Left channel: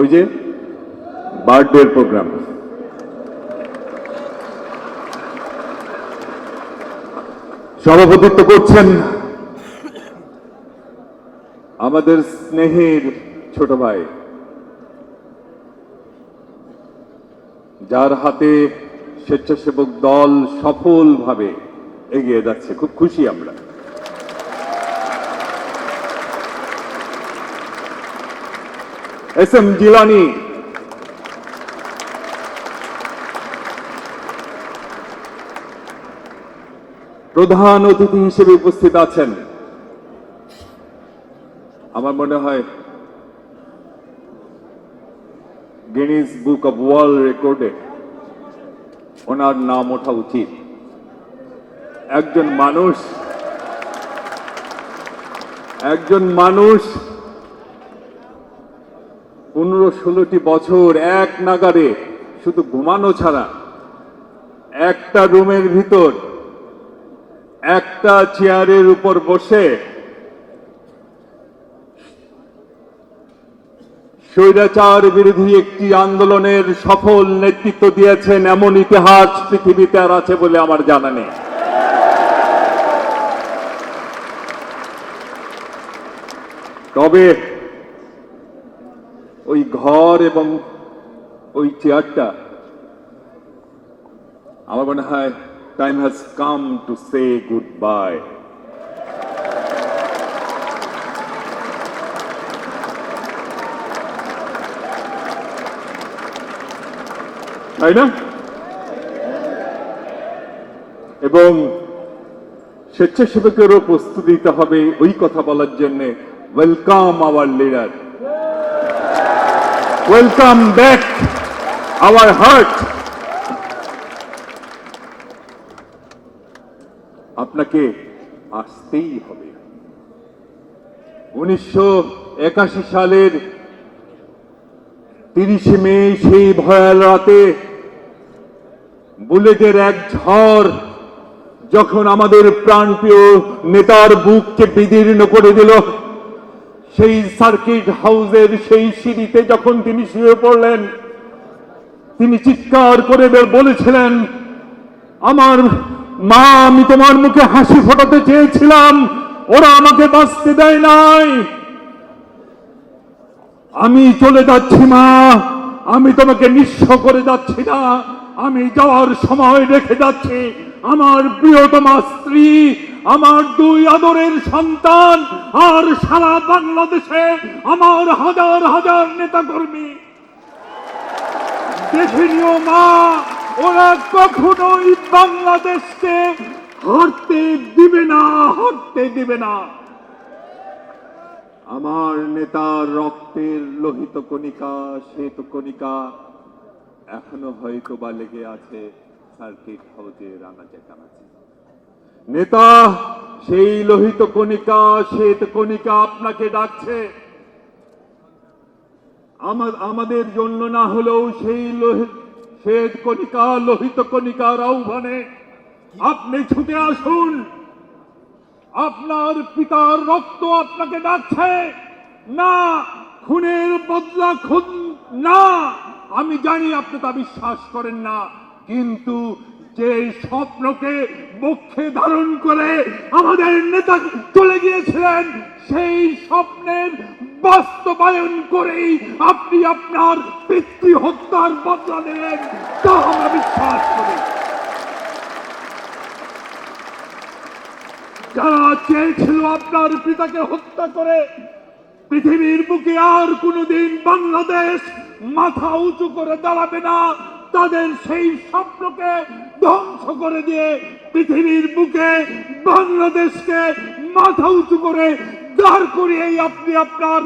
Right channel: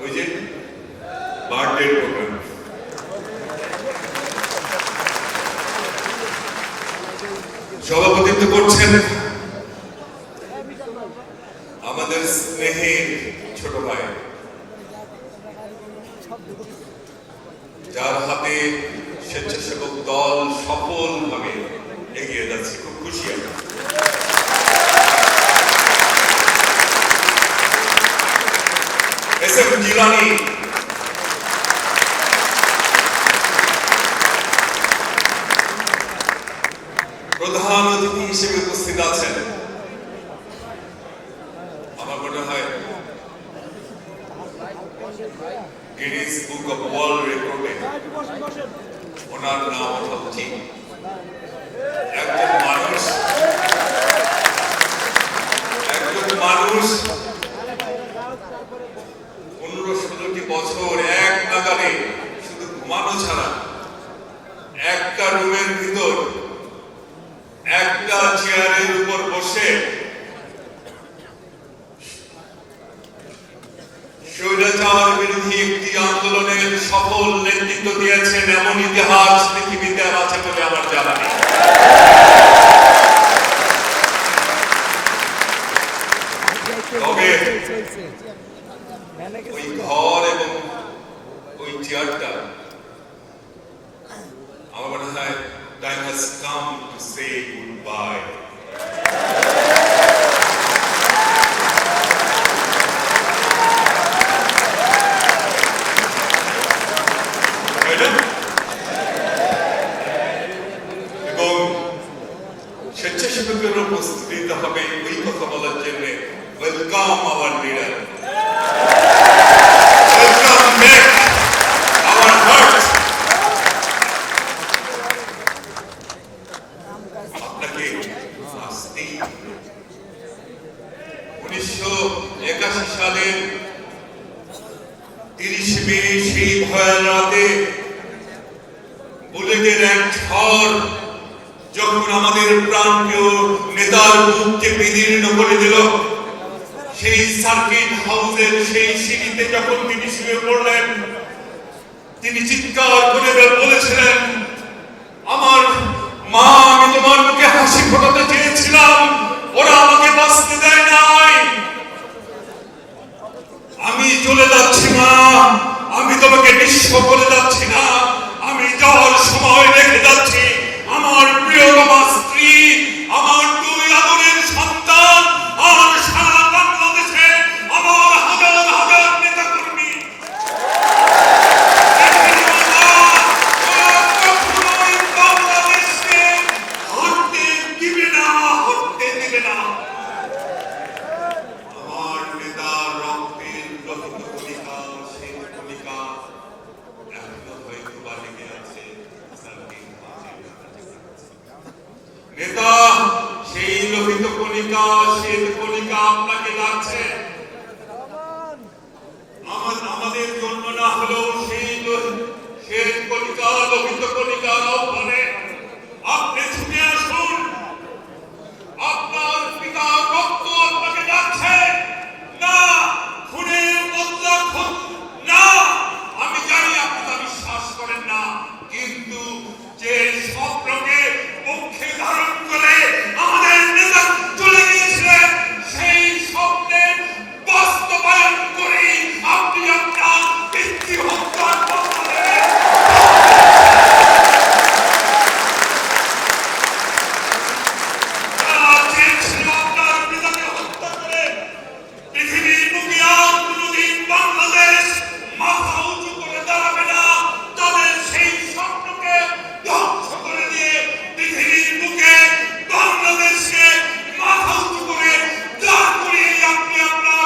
ওই যে birthday programme সভাপতিত্ব করছেন আমাদের স্নেহের ছোট ভাই, যার হাতে স্বেচ্ছাসেবক দল সফলভাবে এগিয়ে যাচ্ছে। খুব খুশি আমরা। এস এম গিলানি, প্রধান অতিথি হিসেবে উপস্থিত আছেন। আমার মনে হয় গিনিস বুক অব ওয়ার্ল্ড রেকর্ডে ওনার নাম ওঠা উচিত। একজন মানুষ 15-16টি বছর এক নাগারে শুধু ঘুমানো ছাড়া একটা রুমের ভিতর একটা চেয়ারের উপর বসে স্বৈরাচার বিরোধী একটি আন্দোলনের সফল নেতৃত্ব দিয়েছেন, এমন ইতিহাস পৃথিবীতে আর আছে বলে আমার জানা নেই। তবে ওই ঘর এবং ওই চেয়ারটা আমার মনে হয় time has come to say goodbye. তাই না? এবং স্বেচ্ছাসেবকেরও প্রস্তুতি দিতে হবে ওই কথা বলার জন্য। Welcome hour leader, welcome back hour heart. আপনাকে আসতেই হবে। 1981 সালের 30 মে সেই ভয়াল রাতে বুলেটের এক ঝড় যখন আমাদের প্রান্তীয় নেতার বুককে বিদীর্ণ করে দিল, সেই সার্কিট হাউসের সেই সিঁড়িতে যখন তিনি শুয়ে পড়লেন, তিনি চিৎকার করে বলেছিলেন, আমার মা, আমি তোমার মুখে হাসি ফোটাতে চেয়েছিলাম, ওরা আমাকে বাঁচতে দেয় নাই। আমি চলে যাচ্ছি মা, আমি তোমাকে নিঃস্ব করে যাচ্ছি না, আমি যাওয়ার সময় রেখে যাচ্ছি আমার প্রিয়তমা স্ত্রী, আমার 2 আদরের সন্তান, আর সারা বাংলাদেশে আমার হাজার হাজার নেতা কর্মী। দেখিও না, ওরা কখনোই বাংলাদেশকে হারতে দিবে না, হারতে দিবে না। আমার নেতার রক্তের লোহিত কণিকা, শ্বেত কণিকা এখনো হয়তো বা লেগে আছে সার্কিট হাউসে। নেতা, সেই লোহিত কণিকা, শ্বেত কণিকা আপনাকে ডাকছে। আমাদের জন্য না হলেও সেই শ্বেত কণিকা, লোহিত কণিকার আহ্বানে আপনি ছুটে আসুন। আপনার পিতার রক্ত আপনাকে ডাকছে না, খুনের বদলা খুন না। আমি জানি আপনি তা বিশ্বাস করেন না, কিন্তু যে স্বপ্নকে মুখে ধারণ করে আমাদের নেতা চলে গিয়েছিলেন, সেই স্বপ্নের বাস্তবায়ন করেই আপনি আপনার পিতৃ হত্যার বদলা নেন। যারা চেয়েছিল আপনার পিতাকে হত্যা করে পৃথিবীর বুকে আর কোনদিন বাংলাদেশ মাথা উঁচু করে দাঁড়াবে না, তাদের সেই স্বপ্নকে ধ্বংস করে দিয়ে পৃথিবীর বুকে বাংলাদেশকে মাথা উঁচু করে দাঁড় করিয়ে আপনি আপনার